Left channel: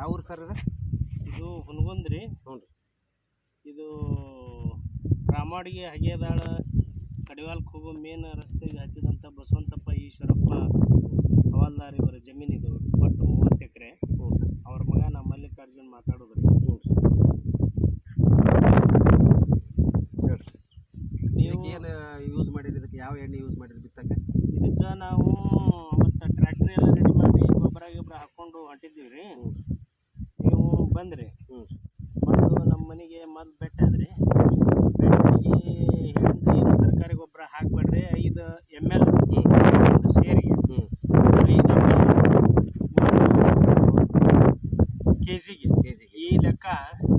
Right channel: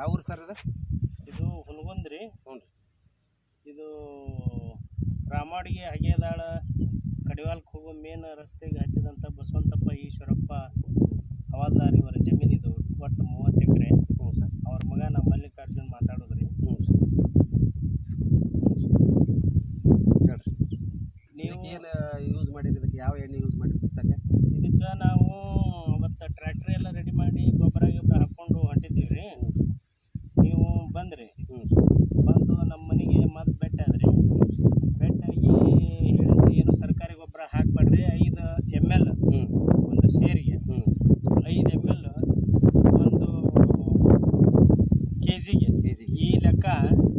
ಯಾವ ಊರು ಸರ್ ಇದು ಇದು ಹುನಗುಂದ್ರಿ ಹ್ಞೂ ರೀ. ಇದು ರಾಮಾಡಿಗೆ ಹಗೆದಾಳ ಕಡಿವಾಲ್ಕ್ ಹೋಗೋ ಮೇನ್ ರಸ್ತೆಗೆ ಹತ್ತಿದಂಥ ಬಸವಂತಪ್ಪ ಈಶ್ವರಪ್ಪ ಹವಾಲ್ದಾರ್ ಇವರ ಜಮೀನು ಇದು ಒಟ್ಟು ಮೂವತ್ತು ಎಕರೆ. ಹ್ಞೂ ಸರ್. ಅವ್ರ ಮಗ ನಮ್ಮ ಮಲ್ಲಿಕಾರ್ಜುನ್ ಮಾತಾಡೋದ್ರಿ. ಹ್ಞೂ ಸರ್. ನೀವು ಏನು ಯೂಸ್ ಮಾಡಿರಿ ಇದಕ್ಕೆ ಯಾವ ಎಣ್ಣೆ ಯೂಸ್ ಮಾಡಿರಿ ಬಿತ್ತಕ್ಕೆ ಇದಕ್ಕೆ ನಾವು ಅವತ್ತು ಟ್ರ್ಯಾಕ್ಟ್ರಿ ಎಲ್ಲ ರೆಡಿ ಮಾಡಿ ಗೊಬ್ಬರ ಗಿಬ್ಬರ ಹಾಕ್ಕೊಂಡು ಹೊಂಟಿದ್ದೀವಿ ರೀ ಹ್ಞೂ ನೀವು ಬಂದ್ರಿ ಹ್ಞೂ ಬಂದು ನಮ್ಮ ಮನೆಗೆ ಮದ್ದು ಬೆಟ್ಟ ಈ ಬೆಟ್ಟಾಗಿ ಏನು ಸರ್ಕಾರಿ ಗೊಬ್ಬರ ಹಾಕಬೇಡ್ರಿ ಐದು ಎಂ ಎಲ್ ಒಂದು ಸೇರಿಗೆ ಹ್ಞೂ ಐದು ಎಂ ಎಲ್ ಕೆ ಜಿಗೆ ಕೆ ಜಿಗೆ ಈ ಲೆಕ್ಕ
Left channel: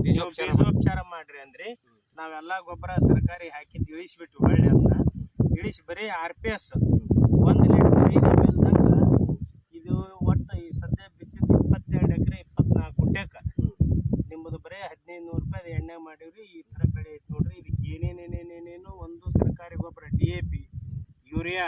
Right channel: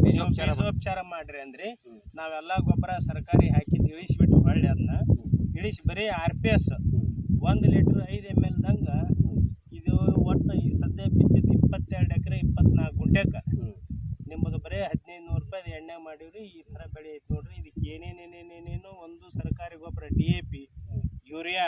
ಬೀಜೋಪಚಾರ ಬೀಜೋಪಚಾರ ಬೀಜೋಪಚಾರ ಮಾಡ್ರಿ ಅಂದ್ರಿ ನಾವೆಲ್ಲ ಗೊಬ್ಬರ ಸರ್ಕಾರಿ ಹಾಕಿದ್ದು ಇಳಿಸಿಬಿಟ್ಟು ಹೊಳ್ಳಿ ಅದನ್ನ ಇಳಿಸಿ ಬರೀ ಆರ್ ಪಿ ಎಸ್ ಒಂದು ಲೀಟ್ರ್ ಐದು ಎಂ ಎಲ್ದಂಗೆ ಇದು ಒಟ್ಟು ಈ ಸದ್ಯ ಬಿತ್ತಿದ್ದು ಇಪ್ಪತ್ತೆರಡು ಎಕರೆ ಇಪ್ಪತ್ನಾಲ್ಕು ಗುಂಟೆಗೆ ಹ್ಞೂ ನಿಮ್ಮದು ಬರೀ ಹದಿನೈದು ನೂರು ರೂಪಾಯಿ ಎಣ್ಣೆ ಮಾಡೀವ್ರಿ ಈ ಥರ ಬೆಳೆ ಐತಿ ನೋಡ್ರಿ. ಇದಕ್ಕೆ ಏನೇನೇನೇನೇನೇನು ಒಂದು ಸರ್ಕಾರಿ ಗೊಬ್ಬರ ಡಿ ಎ ಪಿ. ಯೂರಿಯಾ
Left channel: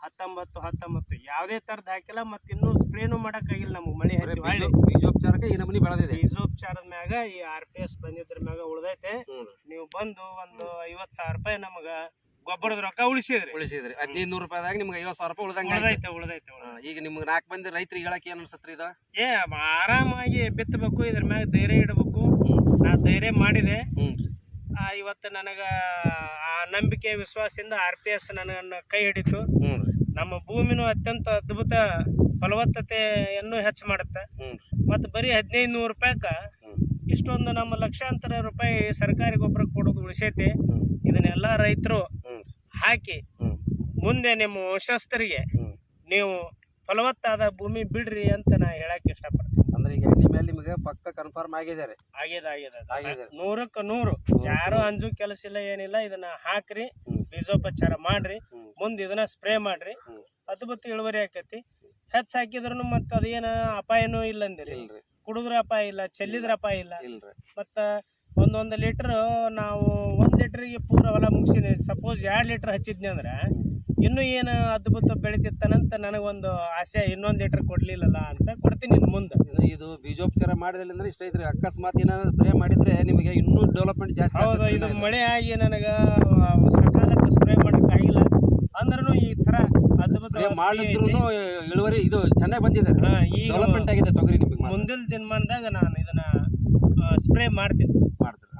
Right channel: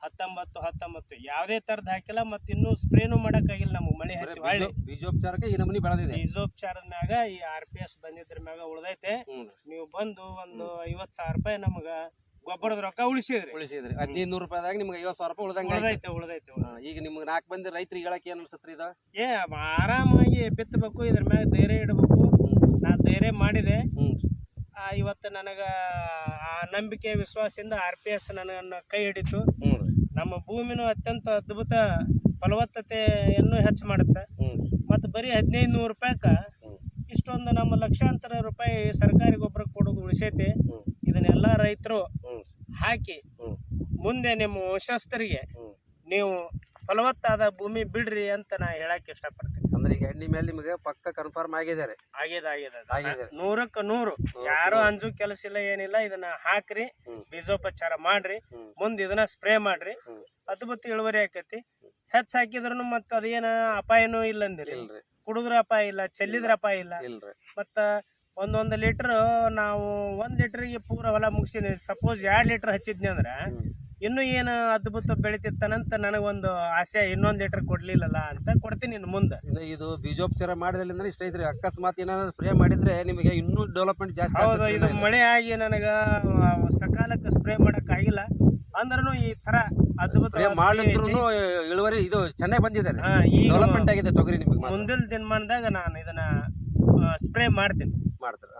ಹತ್ತೊಂಬತ್ತು ಹತ್ತೊಂಬತ್ತು ಯಾವುದೇ ಥರದ್ದು ಹಾಕಿಲ್ಲ ಮತ್ತು ಇನ್ನೂ ಸ್ಪ್ರೇನು ಮಾಡೋಕ್ಕಾಗಿಲ್ಲ ನಮಗೆ. ಮಳೆ ಹೊಳ್ಳಿ ಬೀಜೋಪಚಾರಕ್ಕೆ ಈ ನಮೂನಿ ಬೆಳೆದಿದೆ. ಬೀಜೋಪಚಾರದ ಮ್ಯಾಗ ಈ ಆರ್ ಪಿ ಎಸ್ ಬಂದಿದ್ರ ಮ್ಯಾಗ ಉಳ್ದೈತೆ. ನೀವು ಬಂದು ಒಂದು ಐವತ್ತು ಸಾವಿರ ರೂಪಾಯಿ ನಮಗೆ ಗೊಬ್ಬರದ ರೊಕ್ಕ ಉಳಿಸಿದ್ರಿ. ಉಳಿಸಿದ್ರಿ. ಹದಿನೈದು ನೂರು ರೂಪಾಯಿದಾಗ ನಿಮ್ಗೆ ಐವತ್ತು ಸಾವಿರ ರೂಪಾಯಿ ಉಳ್ದಂಗೆ. ಉಳ್ದೈತೆ ಉಳ್ದೈತೆ. ಈಗ ನಿಮ್ಗೆ ನಾಲ್ಕು ಮಂದಿ ರೈತರಿಗೆ ಹೇಳಕ್ಕೆ ಏನು ಅನ್ಸತ್ರಿ ಇದು ಏ ಆರಾಮಾಗಿ ಬಿತ್ತಬೇಕು ಇದ್ರ ಮ್ಯಾಗ ಧೈರ್ಯ ಇಡಬೇಕು. ನಾ ಧೈರ್ಯ ಮಾಡಿದೆ. ಆ, ಇವತ್ತು ನನಗೆ ಆ ನಂಬಿಕೆ ವಿಶ್ವಾಸದಿಂದ ಆರ್ ಪಿ ಎಸ್ ನನಗನ್ನು ಕೈ ಹಿಡಿತು. ನಮ್ಮ ಭೂಮಿನೂ ಅತ್ಯಂತ ಅದ್ಭುತ ಫಲವತ್ತತೆಯನ್ನು ಹೆಚ್ಚು ಮಾಡುತ್ತೆ. ಮತ್ತು ಬರೀ ಹದಿನೈದು ನೂರು ರೂಪಾಯಿಗೆ ಇಷ್ಟೊಂದು ನಮ್ಮ ಲಕ್ಷಾಂತರ ರೂಪಾಯಿ ಸರ್ಕಾರಿ ಗೊಬ್ಬರ ಕೊಡೋದು ಉಳಿಸೈತಿ. ಇದನ್ನೆಲ್ಲ ರೈತರು ಹಾಕಿ ಮುಂದೆ ನಿಮ್ಮ ವಂಶಸ್ಥರಿಗೆ ನೀವು ಫಲವತ್ತಾದ ಭೂಮಿ ಬಿಡ್ರಿ ಅಂತ ನಾ ಹೇಳಕ್ ಇಷ್ಟಪಡ್ತೀನಿ. ಅಂದ್ರೆ ಈಗ ಎಣ್ಣೆ ಮೇಲೆ ನಿಮಗೆ ಪಕ್ಕ ಕನ್ಫರ್ಮ್ ಆಗಿದೆ ರೀ. ಆಗ್ಯದ ಆಗ್ಯದ ಆಗ್ಯದ. ನೂರಕ್ಕೆ ನೂರು. ಯಾರು ಅಂಜು ಕೆಲಸ ಇಲ್ಲ ಏನಿಲ್ಲ ಇದನ್ನ ಹಾಕ್ರಿ ಬೀಜೋಪಚಾರ ಮಾಡ್ರಿ. ಮುಂದೆ ಇದನ್ನ ಸ್ಪ್ರೇ ಮಾಡ್ರಿ. ಅದ್ಭುತ ಇಳುವರಿ ಆಕೈತಿ. ಹೆಚ್ಚು ಹಾಕಿದ್ರು ಮತ್ತು ಅದೇನ ಅಪಾಯನೂ ಇಲ್ಲ ಅಂದಿರಿ ಕುಡಿದ್ರ ಅಪಾಯ ಇಲ್ಲ ಚೆಲ್ಲಿದ್ರ ಅಪಾಯ ಇಲ್ಲ. ಇಲ್ರಿ. ಮತ್ತು ಒಂದೊಂದು ಲೀಟರ್ ನಾವು ಒಂದು ಲೀಟ್ರಿಗೆ ಪೂರ ಹೊಲ ಮುಗಿಸಿನಿ. ಸಪೋಸ್ ಎರಡು ಲೀಟರ್ ಹಚ್ಚಿದ್ನಿ ಅಂದ್ರೆ ಇನ್ನೂ ಏನು ಅದ್ಭುತ ಬೆಳೀತಿತ್ತನಂತ ನನಗೊಂದು ಆಸೆ ಇನ್ನೊಂದು ಲೀಟ್ರ್ ಕೊಡಲಿಲ್ಲಲ್ಲ ಅಂತ ಕೊಡ್ತೀನಿ ಇನ್ನು ಮುಂದೆ. ಇನ್ನು ಇದು ಬೀಜೋಪಚಾರ ಮಾಡಿದ್ರಿಂದ ಇಷ್ಟ ಐತ್ರಿ ಅಕಸ್ಮಾತ್ ಏನಾದ್ರು ಸ್ಪ್ರೇ ಮಾಡಿದ್ರೆ ನಿಮಗೆ ಇನ್ನೂ ಡೆವಲಪ್ಮೆಂಟ್ ಜಾಸ್ತಿ ಹೌದು ಇದು ಮಳೆ ಆಗಿ ನನಗೆ ಸಕಾಲಕ್ಕೆ ಸ್ಪ್ರೇ ಮಾಡೋಕ್ಕಾಗಿಲ್ಲ ಅಂದ್ರೂ ಈ ಥರ ಅದ್ಭುತ ಮಾಡಿದ್ರು ಇಳುವರಿ ಇದು ಚೆನ್ನಾಗಿ ಬಂದಿದೆ. ಡೆವಲಪ್ಮೆಂಟ್ ಆಗಿದೆ ತೊಗರಿ ನಿಮಗೆ ಮುಂದಿನ ದಿನಮಾನದಾಗ ನಾನು ಇದನ್ನ ಸ್ಪ್ರೇ ಮಾಡ್ತೀನಿ. ಮಾಡ್ತಾರೆ?